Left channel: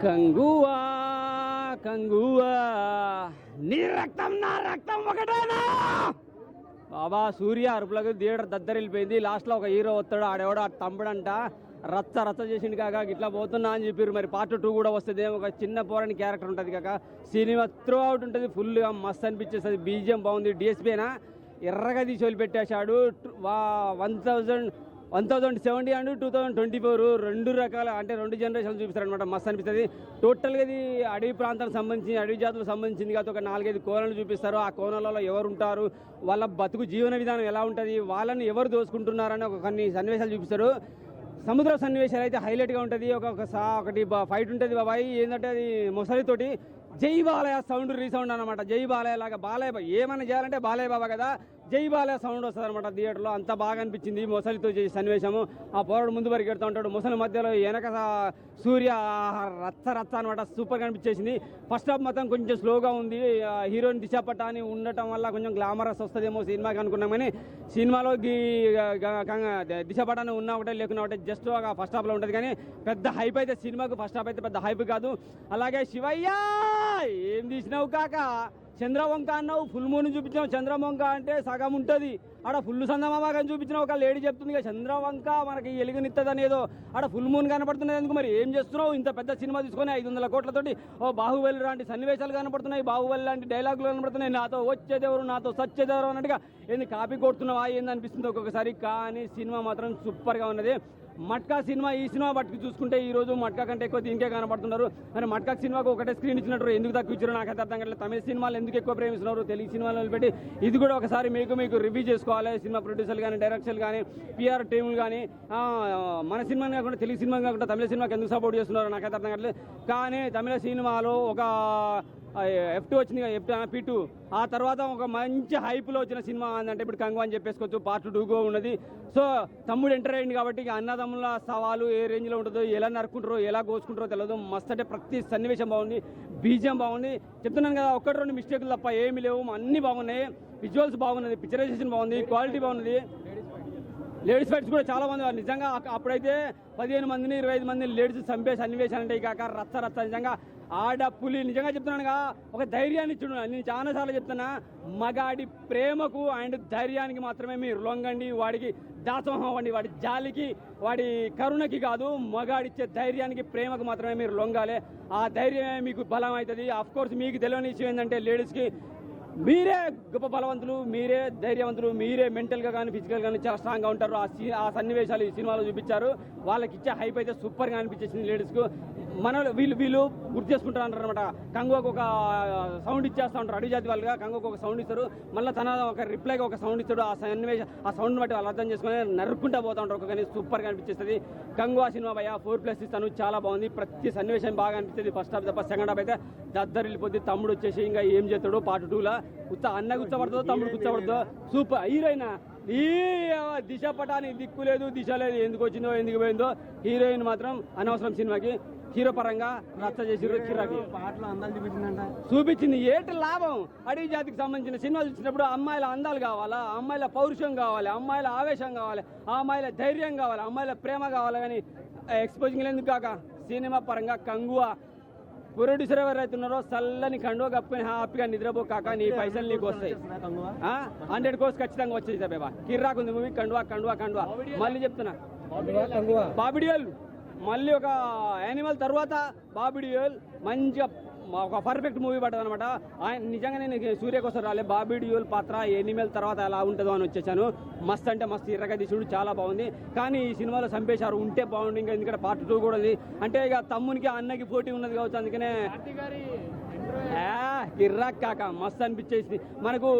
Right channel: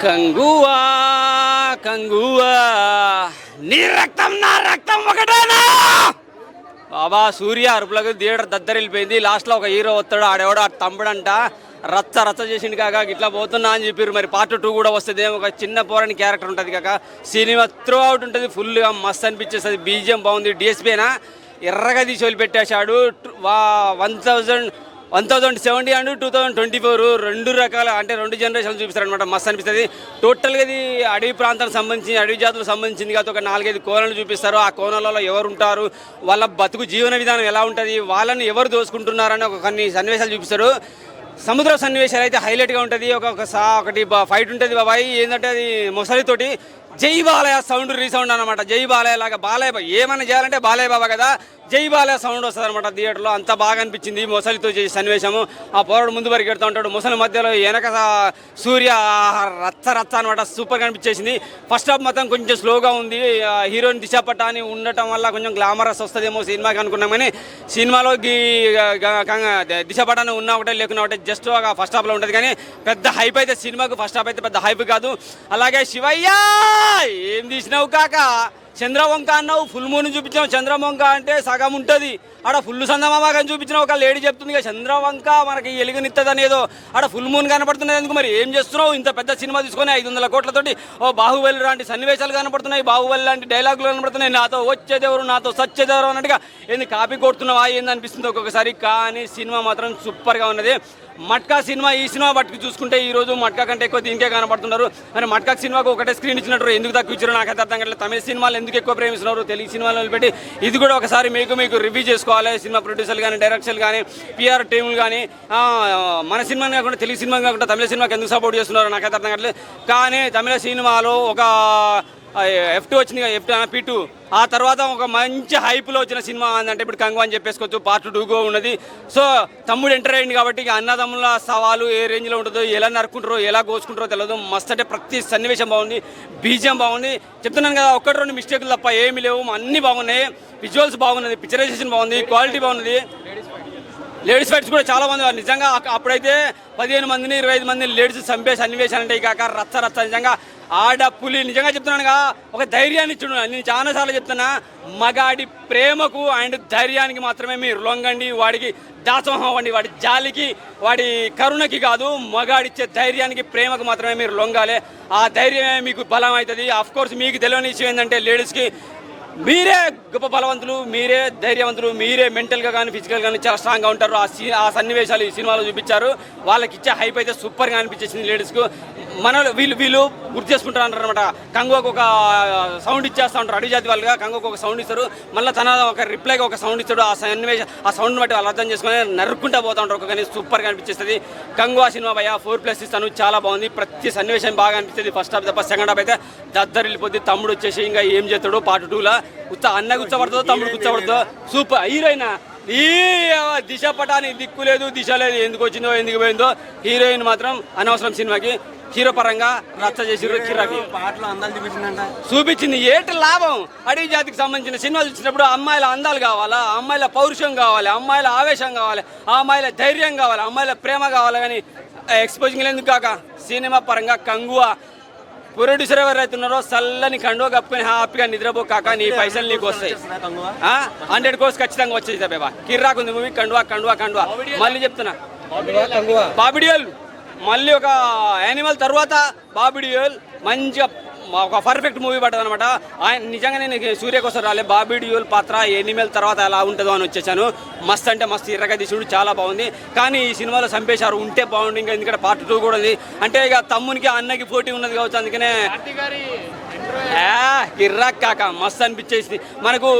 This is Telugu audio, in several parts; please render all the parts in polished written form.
కంగువా కంగువా నీ రక్తం నా రక్తం ఒకటేనా బాబా. సూర్య అరుపులకు థియేటర్ దద్దరిల్లిపోయింది. లాస్ట్లో ఒక హీరో వస్తాడు, ఆడెవడో ఆ తమ్ముడంట రచ్చ రచ్చ చేసిండు కాక ఇట్లా పోతున్నా అని చెప్పారు. మరి పార్ట్ 2 కూడా వస్తుంది. ఒక చిన్న పోరాని క్యారెక్టర్ ఉంటుంది కాక సినిమా త్రూ అవుట్ ఉంటుంది. ఫుల్గా మస్త్ అనిపించేస్తుంది. బీజిఎం బాగుంది. డిఎస్పీనా ఎర్రగా తీసి వదిలిపెట్టేశాడు. 1070 అండ్ 2024 రెండు రకాల అంటే రెండు జనరేషన్లు చూపిస్తారనమాట. మస్తు అనిపిస్తుంది. టోటల్గా ఇది అడవి ప్రాంతానికి సంబంధించి అడవి జాతులకు సంబంధించింది కాదు. ఒక 4-5 కోణాలు చూపిస్తారు. ఆ కోణాలలో ఎవరు ఉంటారు, వాళ్ళ బతుకు జీవన విధానం ఎలా ఉంటుంది, వాళ్ళని ఎవరు దోసుకుంటున్నారని కొన్ని సన్నివేశాలు చూపిస్తారు. సముద్ర సన్నివేశాలు అయితే హైలైట్గా ఉంటుంది. ఒకటి ఫైట్ ఉంటుంది బాబాయ్. ఏంటంటే అది మొసలితోటి జై బాలయ్య సౌండ్ రీసౌండ్ అనమాట. జై బాలయ్య లాగా బాలయ్య ఏమైనా చేయాలంటే బాలయ్య బాబా కదా, జై బాలయ్య సౌండ్ వస్తుంది అనమాట థియేటర్లో. అంత బాగా అనిపించింది మొసలితో చేసే సన్నివేశము. ఆ పోరాడు ముందు వరకు ఎడుతూ ఉంటాడు, మొసలి మధ్యలో వెనక సూర్య రచ్చ రచ్చ అనమాట. సూపర్గా అనిపించేసింది. ఫస్ట్ హాఫ్ మొత్తం కొంచెం స్లోగా ఉంది. హీరోయిన్ దిశ పటాని ఉండటం వల్ల కొంచెం గ్లామరస్ వస్తుందేమో సినిమాకి అనుకున్నాం. కానీ సినిమాలో దిశ పటాన్ని ఉన్నా ఒకటే లేకున్నా ఒకటే జస్ట్ ఒక ఫస్ట్ హాఫ్లో ఉంటుంది. కానీ పెద్ద హైప్ అయితే సినిమాకు ఫస్ట్ హాఫ్ అయితే పెద్ద హైప్ కాదు. అలాగే శివయ్య ఏం తీసినావు కాక, చంద్రవంక అన్నావు, ఫుల్ మూన్ చూపించావు. చంద్రవంక అంటే సగం ఉంటుంది, ఆడ ఫుల్ సందమామాగని చూపించిన ఒక లేడీ చెప్తుంది కదా చంద్రవంక మనకి ఎలుగునిస్తుంది అనేదో. ఆడ ఫుల్ మూన్ కనపడుతున్నది ఎందుకు? మరి ఏం చేస్తున్నావు? ఇంత పెద్ద సినిమా తీసుకొని 500 కోట్లతోటి బాహుబలి లాంటి సన్నివేశాలు కనపడుతున్నాయి, బాహుబలి లాంటి డైలాగులు కనపడుతున్నాయి. నాతో వచ్చేదెవరు, నాతో సచ్చేదెవరు అన్నట్టుగా ఏంది కాపీ కొడుతున్నావా ఏంది అనిపిస్తుంది ఒక్కొక్కసారి. కానీ సినిమా మాత్రం సూపర్గా ఉన్నది. మట్కా సినిమా ఈ సినిమా బట్టి చూసుకుంటే ఈరోజు మట్కా కంటే ఎక్కువ దీనికే కనపడుతున్నారు. మరి మట్కా సినిమాకు ఒకటే స్క్రీన్ ఇచ్చినట్టు ఎందుకు తక్కువ ఇచ్చారో నాకైతే అర్థం కావట్లేదు. తమిళ సినిమాలు ఎందుకు ఎక్కువ ప్రేమిస్తున్నారు, తెలుగు సినిమాలు పెట్టి ఇది కూడా ఒకసారి మీకు రివ్యూ చేసుకోవాలి. సినిమా ప్రొడ్యూసర్లు కానీ, డైరెక్టర్లు కానీ, పిఆర్ టీములు కానీ మన సినిమాని కాకుండా తెలుగు సినిమా కాకుండా తమిళ సినిమాకి ఎందుకు సపోర్ట్ చేస్తున్నారో నాకైతే అర్థం కావట్లేదు. కానీ తమిళ సినిమాలో ఒక F2 వచ్చింది కదా, P2 ఆ తర్వాత ఒక మంచి హైప్లో వచ్చిన సినిమా అంటే ఇప్పుడు కంగు అని చెప్పేసుకోవచ్చు. పార్ట్ 2 ఉన్నది. సో తమ్ముడు ఎంటర్ అయ్యింది కాబట్టి అన్నదమ్ముల సవాలు ఏ రేంజ్లో ఉంటుందో, ఎలా నరుకుంటారో, ఎలా కోసుకుంటారో తెలియదు. మస్త్ అంటే ప్రతి సన్నివేశం బాగుంది, బీజిఎం బాగుంది. చెప్తున్నాను కదా, 1-2 మిస్టేకులు తప్ప ఏమీ లేవు, అన్నీ బాగున్నాయి. విజువల్స్ బాగున్నది, పిక్చరైజేషన్ బాగుంది, క్వాలిటీ బాగున్నది. లేడీస్ ఫైట్స్ కూడా చాలా మంది నిజంగా. అప్పుడైతే 15 మందిని 25 మందిని లేడీస్ చంపే సన్నివేశాలు అంటే కాక రచ్చ రచ్చ. నిజంగా ఆడ పులి నిజంగా చెప్తున్నానుగా ఒక ధైర్యాన్ని ఇచ్చుడు. నేను చాలాసార్లు చెప్తున్నా, మగాడి ప్రేమకు అండ్ ధైర్యానికి మాత్రమే మీరు లొంగండి. వాడికి దాసోహం అవ్వండి, వాడి జాలికి వాడి కరుణకి కాదు. మగాడిచ్చే ధైర్యానికి ప్రేమకు మాత్రమే మీరు లొంగాలి. ఆ ధైర్యమే మీకు బలం అవుతుంది. అఫ్కోర్స్ మీకు తెలియని విషయం ఏంటంటే లేడీస్కి మీరే గొప్ప బలవంతులు, మీరే ధైర్యవంతులు, మీరే మెంటల్గా కానీ ఫిజికల్గా కానీ చాలా స్ట్రాంగ్గా ఉంటారు. ఆ సన్నివేశాలు ఈ సినిమాలో చూపించారు. వాళ్ళకి ఇచ్చే హైప్ అయితే సూపర్గా అనిపించేసింది లేడీస్కు. వీళ్ళు గుర్తు చేసుకుంటారు అంటారు అనమాట. కంగువకు ఒక సౌండ్ ఇచ్చేస్తూ ఉంటారు, అడవి జాతి వాళ్ళుగా కంగువకు ఒక సౌండ్ ఇస్తారు, మళ్ళీ తన ఒక రిప్లైగా ఒక సౌండ్ ఇస్తాడు. ఆ సౌండ్ బట్టి వాళ్ళు అర్థం చేసుకొని నరుక్కుంటూ పోతూ ఉంటారు. కానీ సూపర్గా అనిపించేస్తుంది కంగువా సినిమా. భయ 4+ ఇస్తాను, చాలా బాగుంది. ప్రతి సన్నివేశం బాగా అనిపిస్తుంది. ఫస్ట్ హాఫ్ తప్ప సెకండ్ హాఫ్ అయితే దద్దరిల్లిపోద్ది. తమ్ముడు వచ్చేసి ఇంకా ఏం చేస్తాడు పార్ట్ 2లో, అన్న కూర్చోబడుతుందో తమ్ముడు కూర్చోబడుతుందో. Super heroine. ఈ దిశ పటాని దిక్కు లేదు, దిశ లేదు, ఎందుకు వచ్చిందో ఎందుకు పోయిందో. హీరోయిన్ మాత్రం అనవసరం సినిమాకి. హీరో పరంగా రచ్చ చేసి పాటలు అందాలు చూపించింది. ఏంటి లాభం? అడవి జాతికి సంబంధించిన సినిమాలు చూసినప్పుడు అమ్మాయిల అందాలు కావాలా, అమ్మాయిల పౌరుషం కావాలి, అమ్మాయిల ఆవేశం కావాలి, అమ్మాయిల ధైర్యం కావాలి, అమ్మాయిల ప్రేమ కావాలి. కానీ ఎక్స్పోజింగ్ ఎందుకు కాక సినిమా పరంగా కంగువా ప్రొడ్యూసర్ ఎవరైతే ఉన్నారో చల్లని కండువ కప్పుకొని హ్యాపీగా నిద్రపో కాక, నీ పైసలు నీకు వస్తాయి. 100 కోర్స్ ఖచ్చితంగా వచ్చేది బాబా. కిర్రాక్ ఉంది మూవీ. కండువా కండువా కండువా మళ్ళీ చెప్తున్నా. బాబిడియోల్ మళ్ళీ ఒక యానిమల్ తర్వాత బాబిడియోల్ మంచిగా ఒక పర్ఫెక్ట్ మూవీ పడ్డది అనమాట. ఆయన నిజంగా నేను సూర్య కోసం రాలే, బాబిడియోల్ పాత్ర ఎనిమల్ తర్వాత ఎలా ఉంటుందో అని వచ్చేసాను. మస్త్ అంటే మస్తు ఎర్రగా తీసుడు, చాలా బాగుంది. కానీ ఈ సినిమాలో చంపేశారు, ఉంటే బాగుంది. ఇంకా ఎందుకంటే పార్ట్ 2 కూడా ఉంది. అంటే ఇక తమ్మునికి అన్నకి పోటీ ఉన్నది కావచ్చు, అందుకనే కిర్రాక్ కాక మస్తు అనిపించేసింది. మనకు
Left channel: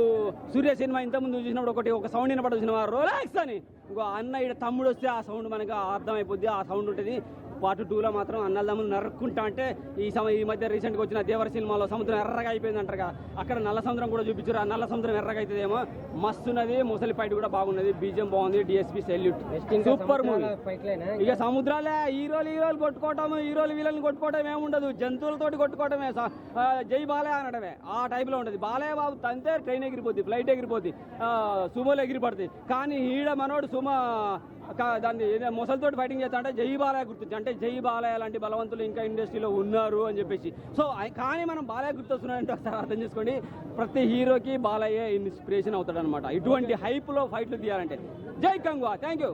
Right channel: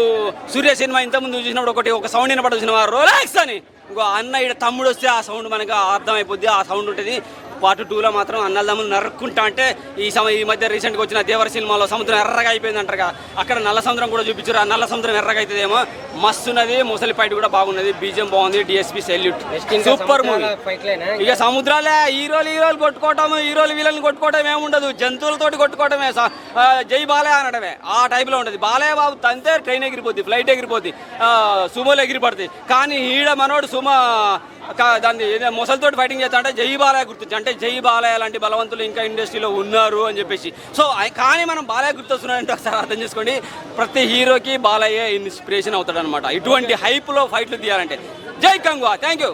సూర్య సినిమా ఇంతకుముందు చూసినప్పుడు ఒక సౌండ్ వినపడదు సినిమా రోలాక్స్ అని. ఇంకో అన్న ఇక్కడ తమ్ముడు వస్తే ఆ సౌండ్ మనకు అర్థమైపోద్ది, ఆ సౌండ్ ఉంటుంది. పార్ట్ 2లో మాత్రం అన్నదమ్ములు నరుక్కుంటా అంటే ఈ మధ్య రీసెంట్గా వచ్చిన దేవర సినిమాలో సముద్రం ఎర్రగా అయిపోయింది అంటారు. అక్కడ నల్ల సముద్రం కూడా చూపించారు. ఆ నల్ల సముద్రం ఎర్రగా అవుతుందేమో. మస్తున్నది. ముసలి ఫైట్ కూడా బాగున్నది, బీజిఎం బాగుంది. DSP salute, super movie. ఇక సముద్రాలే హీరోలు కొట్టుకోవటం, హీరోలు వీళ్ళని కొట్టుకోవటం ఏముండదు, జంతువులతోటి కొట్టుకోవటమే, జై బాలయ్య అనడమే. ఆ టైప్లో ఉంటుంది. బాలయ్య బాబు తంతే ట్రైన్ ఎగిరిపోద్ది, ఫ్లైట్ ఎగిరిపోద్ది, సుమోలు ఎగిరిపడుతుంది. కానీ ఈడ మనోడు సుమ దాన్ని మొసలితోటి ఫైటింగ్ చేస్తా అంటే జై బాలయ్య గుర్తొచ్చు, అంటే జై బాలయ్య లాంటి బలవంతులు ఇంకా ఇండస్ట్రీలో ఉన్నారు అని చెప్పేసి. సో కానీ మనం బాలయ్య గుర్తొస్తున్నారంటే ఒకసారి అర్థం చేసుకోండి, ప్రతి హీరోకి బాలయ్య ఇన్స్పిరేషన్ అవుతాడు అనమాట ఇటువంటి హైప్లో ఫైట్లు తీయాలంటే. జై కంగువా, థ్యాంక్ యూ.